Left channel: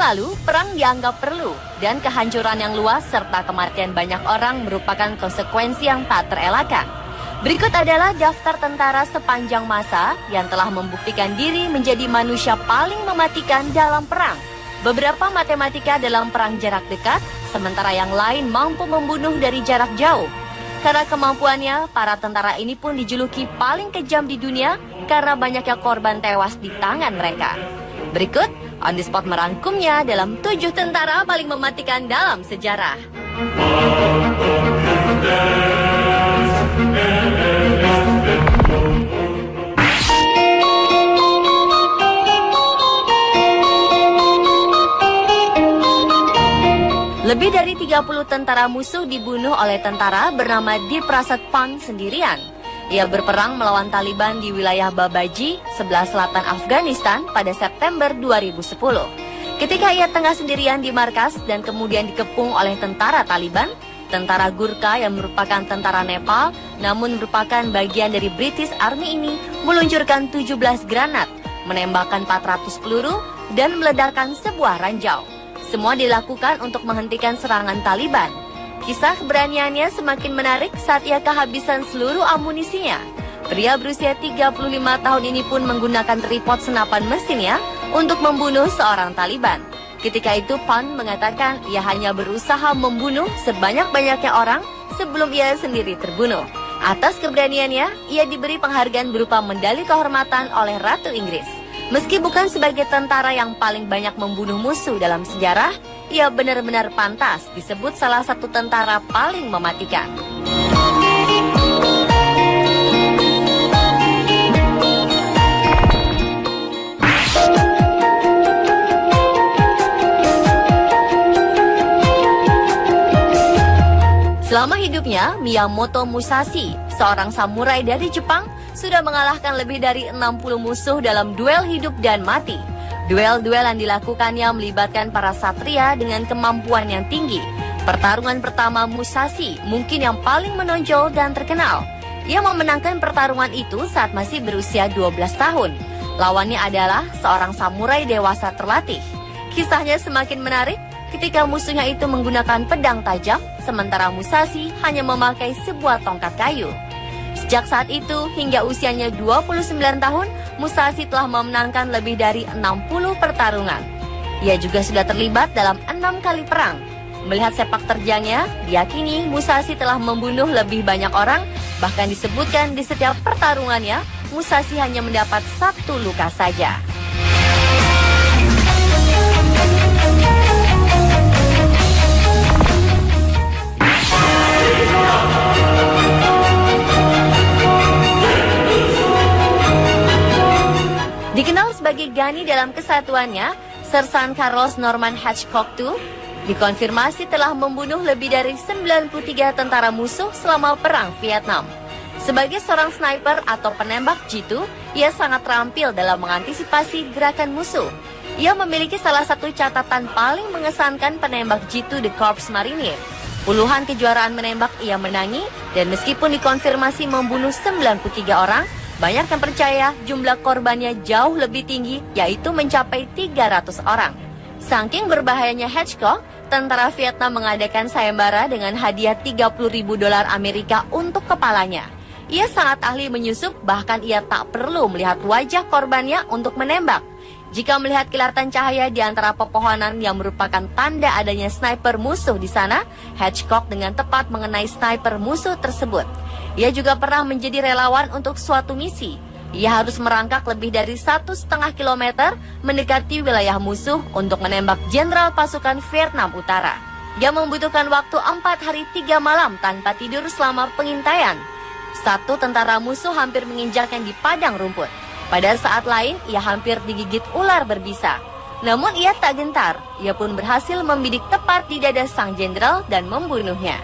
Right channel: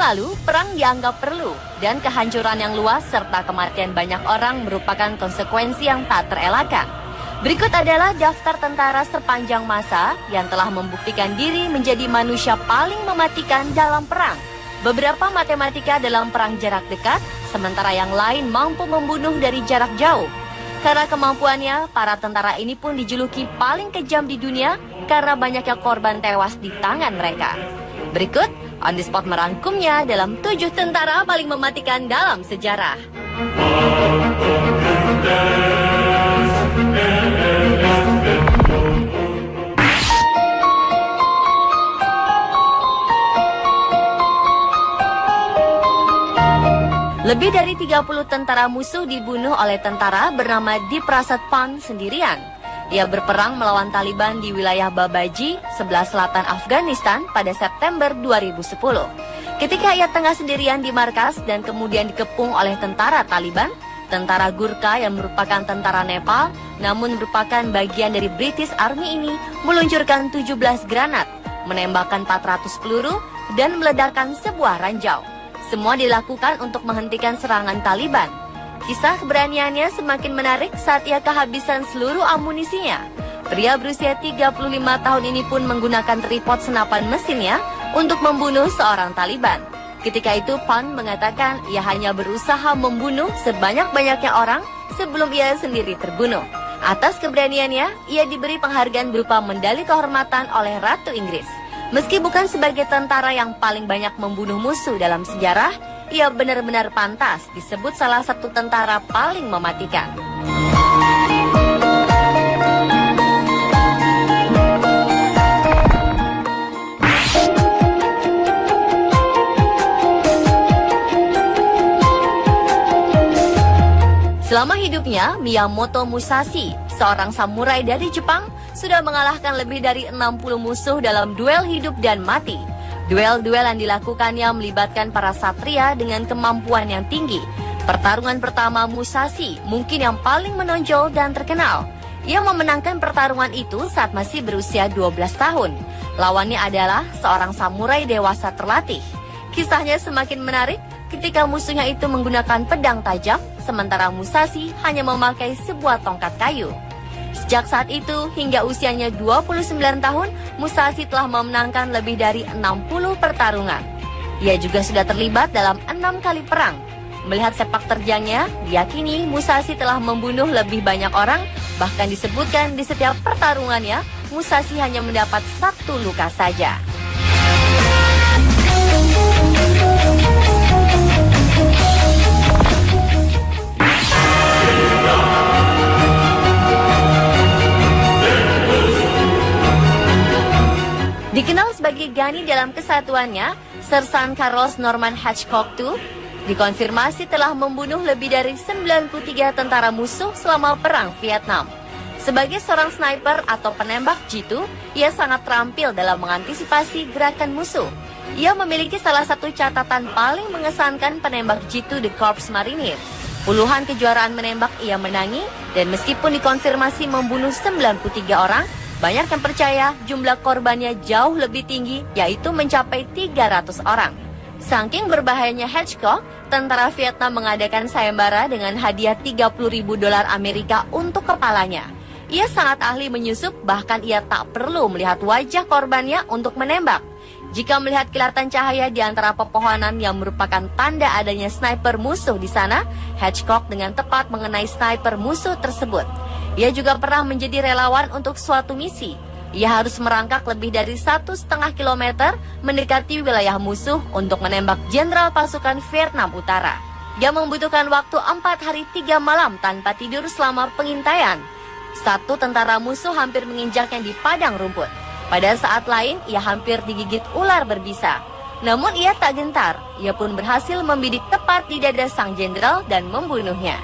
lalu, perang dianggap perlu, dan kehancuran yang luas serta kematian banyak orang merupakan konsekuensi yang tak terelakkan. Berikut adalah daftar tentara sepanjang masa yang telah membuktikan diri menjadi manusia paling mematikan dalam perang. Beberapa matematika dalam perang jarak dekat, sementara yang lain mampu membunuh dari jarak jauh. Karena kemampuannya, para tentara ini pun dijuluki paling kejam di dunia karena banyaknya korban tewas di tangan mereka. Berikut, On The Spot merangkumnya dalam 7 tentara paling mematikan dalam sejarah. Lebih dari 30 tentara musuh dibunuh oleh tentara bernama Diprasad Pang sendirian. Ia berperang melawan Taliban di wilayah Babaji, sebelah selatan Afghanistan pada September 2010. Ketika ia tengah sendirian di markas dan kemudian dikepung oleh tentara Taliban, tentara Gurkha yang merupakan tentara Nepal, namun merupakan bagian dari British Army ini, meluncurkan 17 granat, menembakkan 400 peluru, dan meledakkan sebuah ranjau. Semua dilakukan untuk menghentikan serangan Taliban. Kisah keberaniannya semakin menarik saat ia kehabisan seluruh amunisinya. Pria berusia 35 tahun ini pun menggunakan tripod senapan mesinnya untuk membunuh seorang Taliban. Ketika itu Pang mengatakan ia hanya berusaha membunuh sebanyak-banyaknya orang sebelum ia sendiri terbunuh. Atas keberaniannya, ia diberi penghargaan berupa medali kehormatan oleh Ratu Inggris. Meski bukan sebagai tentara yang paling banyak membunuh musuh dalam sejarah, ia benar-benar pantas disebut salah satu tentara paling mematikan. Selama hidupnya, Miyamoto Musashi, seorang samurai dari Jepang, sudah mengalahkan lebih dari 60 musuh dalam duel hidup dan mati. Duel-duel yang dilakukannya melibatkan para satria dengan kemampuan yang tinggi. Pertarungan pertama Musashi mungkin yang paling menonjol dan terkenal. Ia memenangkan pertarungan itu saat masih berusia 12 tahun. Lawannya adalah seorang samurai dewasa terlatih. Kisahnya semakin menarik ketika musuhnya itu menggunakan pedang tajam, sementara Musashi hanya memakai sebuah tongkat kayu. Sejak saat itu hingga usianya 29 tahun, Musashi telah memenangkan lebih dari 60 pertarungan. Ia juga sudah terlibat dalam 6 kali perang. Melihat sepak terjangnya, diyakini Musashi telah membunuh lebih banyak orang, bahkan disebutkan di setiap pertarungannya, Musashi hanya mendapat 1 luka saja. Dikenal sebagai Gani dalam kesatuannya, Sersan Carlos Norman Hatchcock II dikonfirmasi telah membunuh lebih dari 93 tentara musuh selama Perang Vietnam. Sebagai seorang sniper atau penembak jitu, ia sangat terampil dalam mengantisipasi gerakan musuh. Ia memiliki salah satu catatan paling mengesankan penembak jitu The Corps Marinir. Puluhan kejuaraan menembak ia menangi, dan meskipun dikonfirmasi membunuh 93 orang, banyak yang percaya jumlah korbannya jauh lebih tinggi, yaitu mencapai 300 orang. Saking berbahayanya Hatchcock, tentara Vietnam mengadakan sayembara dengan hadiah $30.000 Amerika untuk kepalanya. Ia sangat ahli menyusup, bahkan ia tak perlu melihat wajah korbannya untuk menembak. Jika melihat kilatan cahaya di antara pepohonan yang merupakan tanda adanya sniper musuh di sana, Hatchcock dengan tepat mengenai sniper musuh tersebut. Ia juga pernah menjadi relawan untuk suatu misi. Ia harus merangkak lebih dari 1,5 kilometer mendekati wilayah musuh untuk menembak jenderal pasukan Vietnam Utara. Ia membutuhkan waktu 4 hari 3 malam tanpa tidur selama pengintaian. Satu tentara musuh hampir menginjaknya di padang rumput. Pada saat lain, ia hampir digigit ular berbisa. Namun ia tak gentar. Ia pun berhasil membidik tepat di dada sang jenderal dan membunuhnya.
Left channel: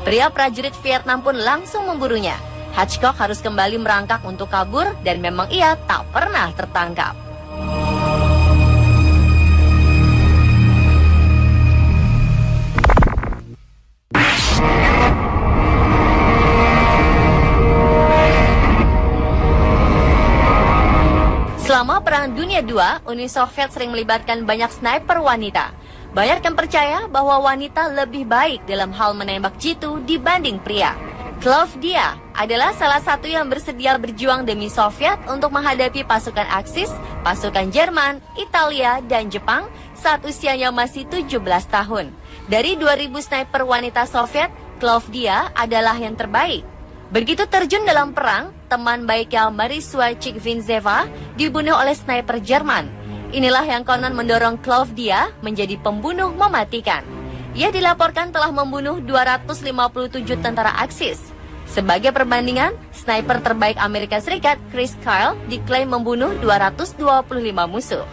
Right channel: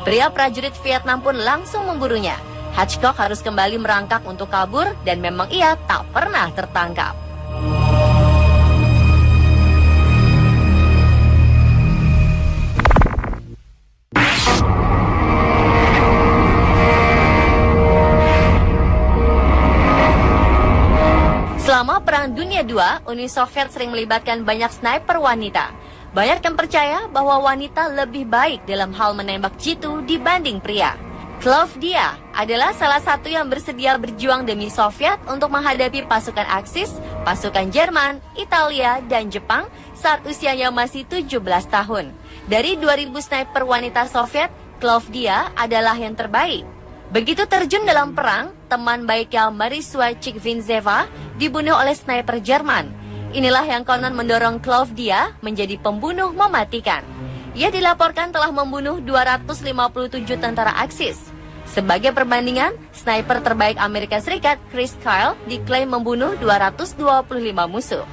Pria prajurit Vietnam pun langsung memburunya. Hatchcock harus kembali merangkak untuk kabur dan memang ia tak pernah tertangkap. Selama Perang Dunia kedua, Uni Soviet sering melibatkan banyak sniper wanita. Banyak yang percaya bahwa wanita lebih baik dalam hal menembak jitu dibanding pria. Klavdia adalah salah satu yang bersedia berjuang demi Soviet untuk menghadapi pasukan Aksis, pasukan Jerman, Italia, dan Jepang saat usianya masih 17 tahun. Dari 2000 sniper wanita Soviet, Klavdia adalah yang terbaik. Begitu terjun dalam perang, teman baiknya Marisua Chikvintseva dibunuh oleh sniper Jerman. Inilah yang konon mendorong Klavdia menjadi pembunuh mematikan. Ia dilaporkan telah membunuh 257 tentara Aksis. Sebagai perbandingan, sniper terbaik Amerika Serikat Chris Kyle diklaim membunuh 225 musuh.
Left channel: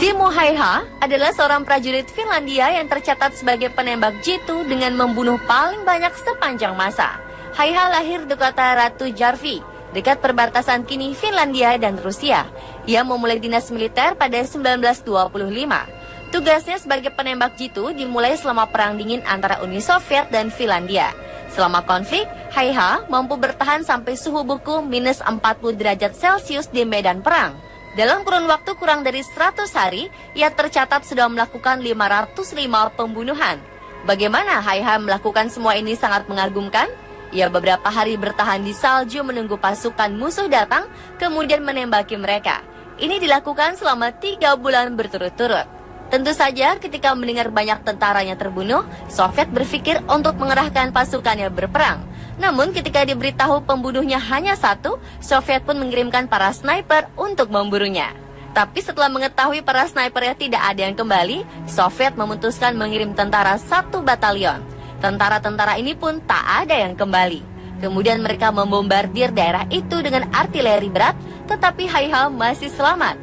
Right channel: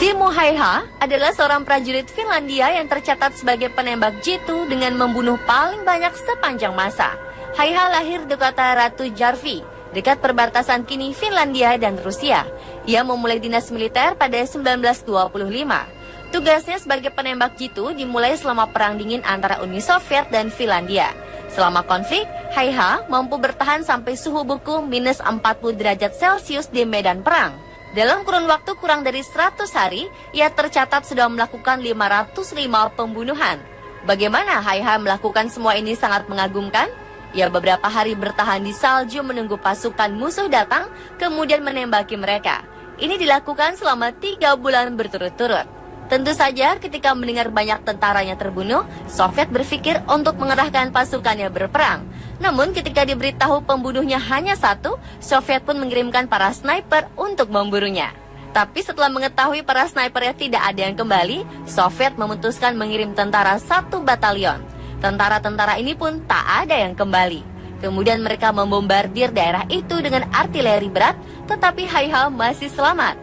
Simo Häyhä adalah seorang prajurit Finlandia yang tercatat sebagai penembak jitu dengan membunuh paling banyak sepanjang masa. Häyhä lahir di kota Ratujärvi, dekat perbatasan kini Finlandia dan Rusia. Ia memulai dinas militer pada 1925. Tugasnya sebagai penembak jitu dimulai selama Perang Dingin antara Uni Soviet dan Finlandia. Selama konflik, Häyhä mampu bertahan sampai suhu beku minus 40 derajat Celcius di medan perang. Dalam kurun waktu kurang dari 100 hari, ia tercatat sudah melakukan 505 pembunuhan. Bagaimana Häyhä melakukan semua ini sangat mengagumkan? Ia beberapa hari bertahan di salju menunggu pasukan musuh datang, kemudian menembaki mereka. Ini dilakukan selama 3 bulan berturut-turut. Tentu saja ketika mendengar banyak tentaranya terbunuh, Soviet berpikir untuk mengerahkan pasukannya berperang. Namun ketika diberitahu pembunuhnya hanya satu, Soviet pun mengirimkan para sniper untuk memburunya. Tapi setelah mengetahui para snipernya tidak ada yang kembali, Soviet memutuskan mengirim tentara 1 batalion. Tentara-tentara ini pun tak ada yang kembali. Kemudian mereka membombardir daerah itu dengan artileri berat, tetapi Häyhä masih selamat.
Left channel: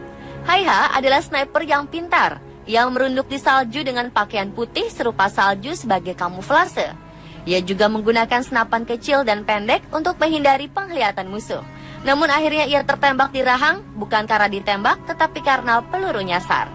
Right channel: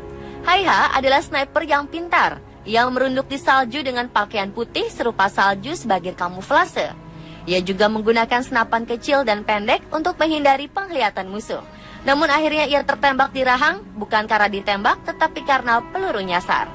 Häyhä adalah sniper yang pintar, yang merunduk di salju dengan pakaian putih serupa salju sebagai kamuflase. Ia juga menggunakan senapan kecil dan pendek untuk menghindari penglihatan musuh. Namun akhirnya ia tertembak di rahang, bukan karena ditembak, tetapi karena peluru nyasar.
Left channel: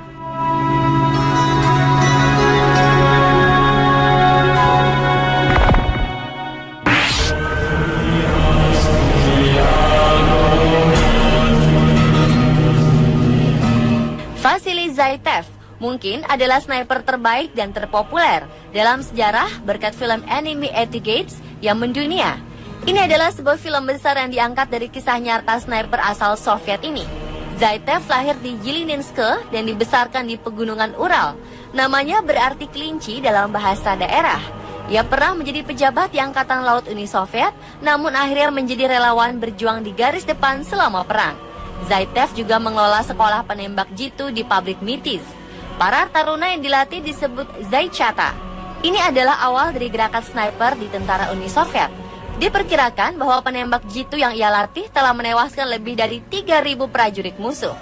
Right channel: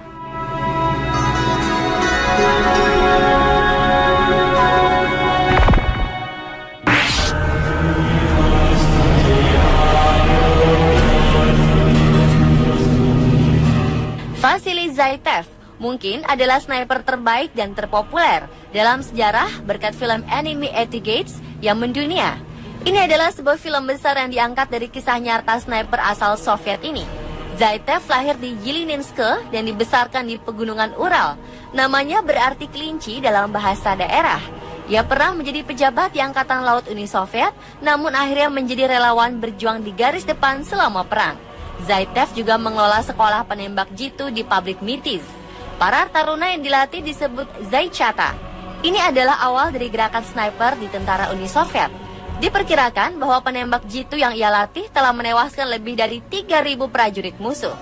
Vasily Zaitsev mungkin adalah sniper terbaik dan terpopuler dalam sejarah berkat film Enemy at the Gates yang mendunia. Ini adalah sebuah film besar yang diangkat dari kisah nyata sniper asal Soviet ini. Zaitsev lahir di Yelininsk dan dibesarkan di pegunungan Ural. Namanya berarti kelinci dalam bahasa daerah. Ia pernah menjadi pejabat di Angkatan Laut Uni Soviet, namun akhirnya menjadi relawan berjuang di garis depan selama perang. Zaitsev juga mengelola sekolah penembak jitu di pabrik Mitis. Para taruna yang dilatih disebut Zaychata. Ini adalah awal dari gerakan sniper di tentara Uni Soviet. Diperkirakan bahwa penembak jitu yang ia latih telah menewaskan lebih dari 3.000 prajurit musuh.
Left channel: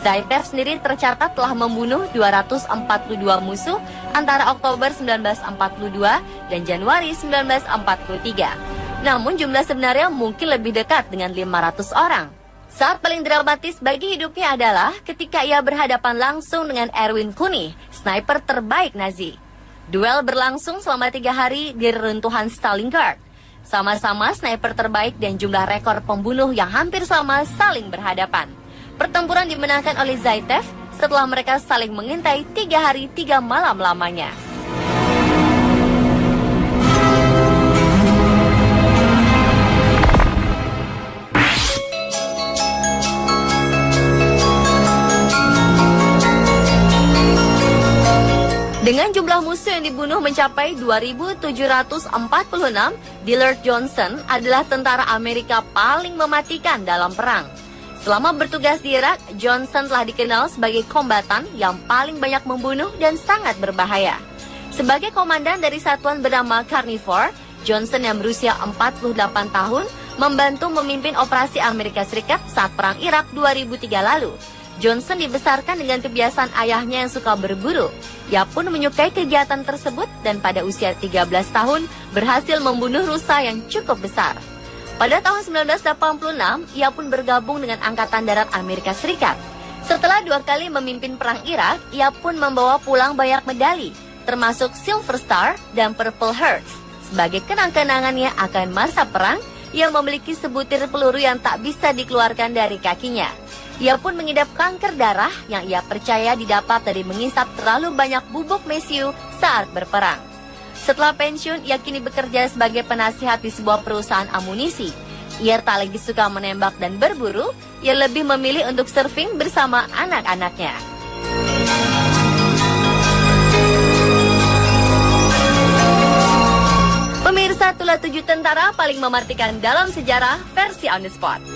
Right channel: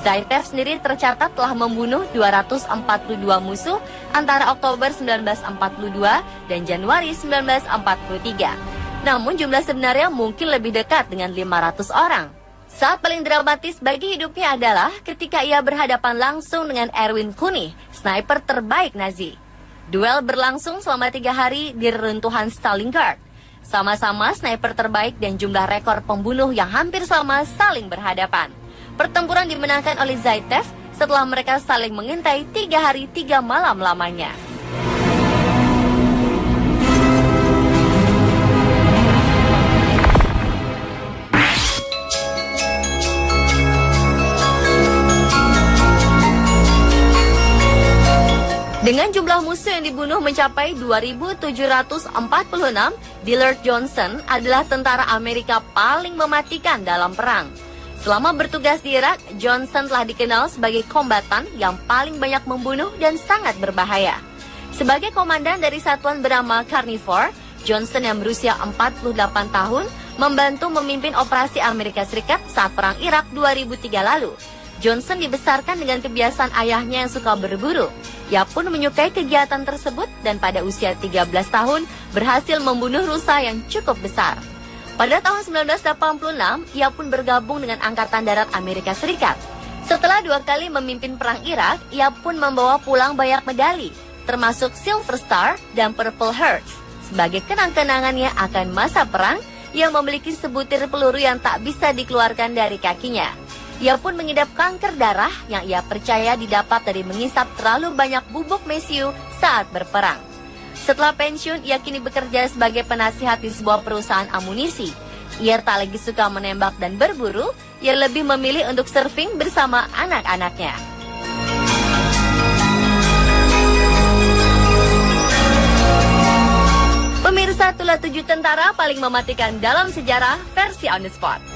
Zaitsev sendiri tercatat telah membunuh 242 musuh antara Oktober 1942 dan Januari 1943. Namun jumlah sebenarnya mungkin lebih dekat dengan 500 orang. Saat paling dramatis bagi hidupnya adalah ketika ia berhadapan langsung dengan Erwin Kuni, sniper terbaik Nazi. Duel berlangsung selama 3 hari di reruntuhan Stalingrad. Sama-sama sniper terbaik dan jumlah rekor pembunuh yang hampir sama saling berhadapan. Pertempuran dimenangkan oleh Zaitsev setelah mereka saling mengintai 3 hari 3 malam lamanya. Dengan jumlah musuh yang dibunuh mencapai 2.746, Dillard Johnson adalah tentara Amerika paling mematikan dalam perang. Selama bertugas di Irak, Johnson telah dikenal sebagai kombatan yang paling banyak membunuh dan sangat berbahaya. Sebagai komandan dari satuan bernama Carnivore, Johnson yang berusia 48 tahun membantu memimpin operasi Amerika Serikat saat Perang Irak 2003 lalu. Johnson dibesarkan dengan kebiasaan ayahnya yang suka berburu. Ia pun menyukai kegiatan tersebut dan pada usia 13 tahun berhasil membunuh rusa yang cukup besar. Pada tahun 1986, ia pun bergabung dengan Angkatan Darat Amerika Serikat. Setelah 2 kali memimpin Perang Irak, ia pun membawa pulang banyak medali, termasuk Silver Star dan Purple Heart. Sebagai kenang-kenangannya akan masa perang, ia memiliki sebutir peluru yang tak bisa dikeluarkan dari kakinya. Ia pun mengidap kanker darah yang ia percaya didapat dari mengisap terlalu banyak bubuk mesiu saat berperang. Setelah pensiun, ia kini bekerja sebagai penasihat di sebuah perusahaan amunisi. Ia tak lagi suka menembak dan berburu, ia lebih memilih untuk surfing bersama anak-anaknya. Pemirsa, itulah 7 tentara paling mematikan dalam sejarah versi On The Spot.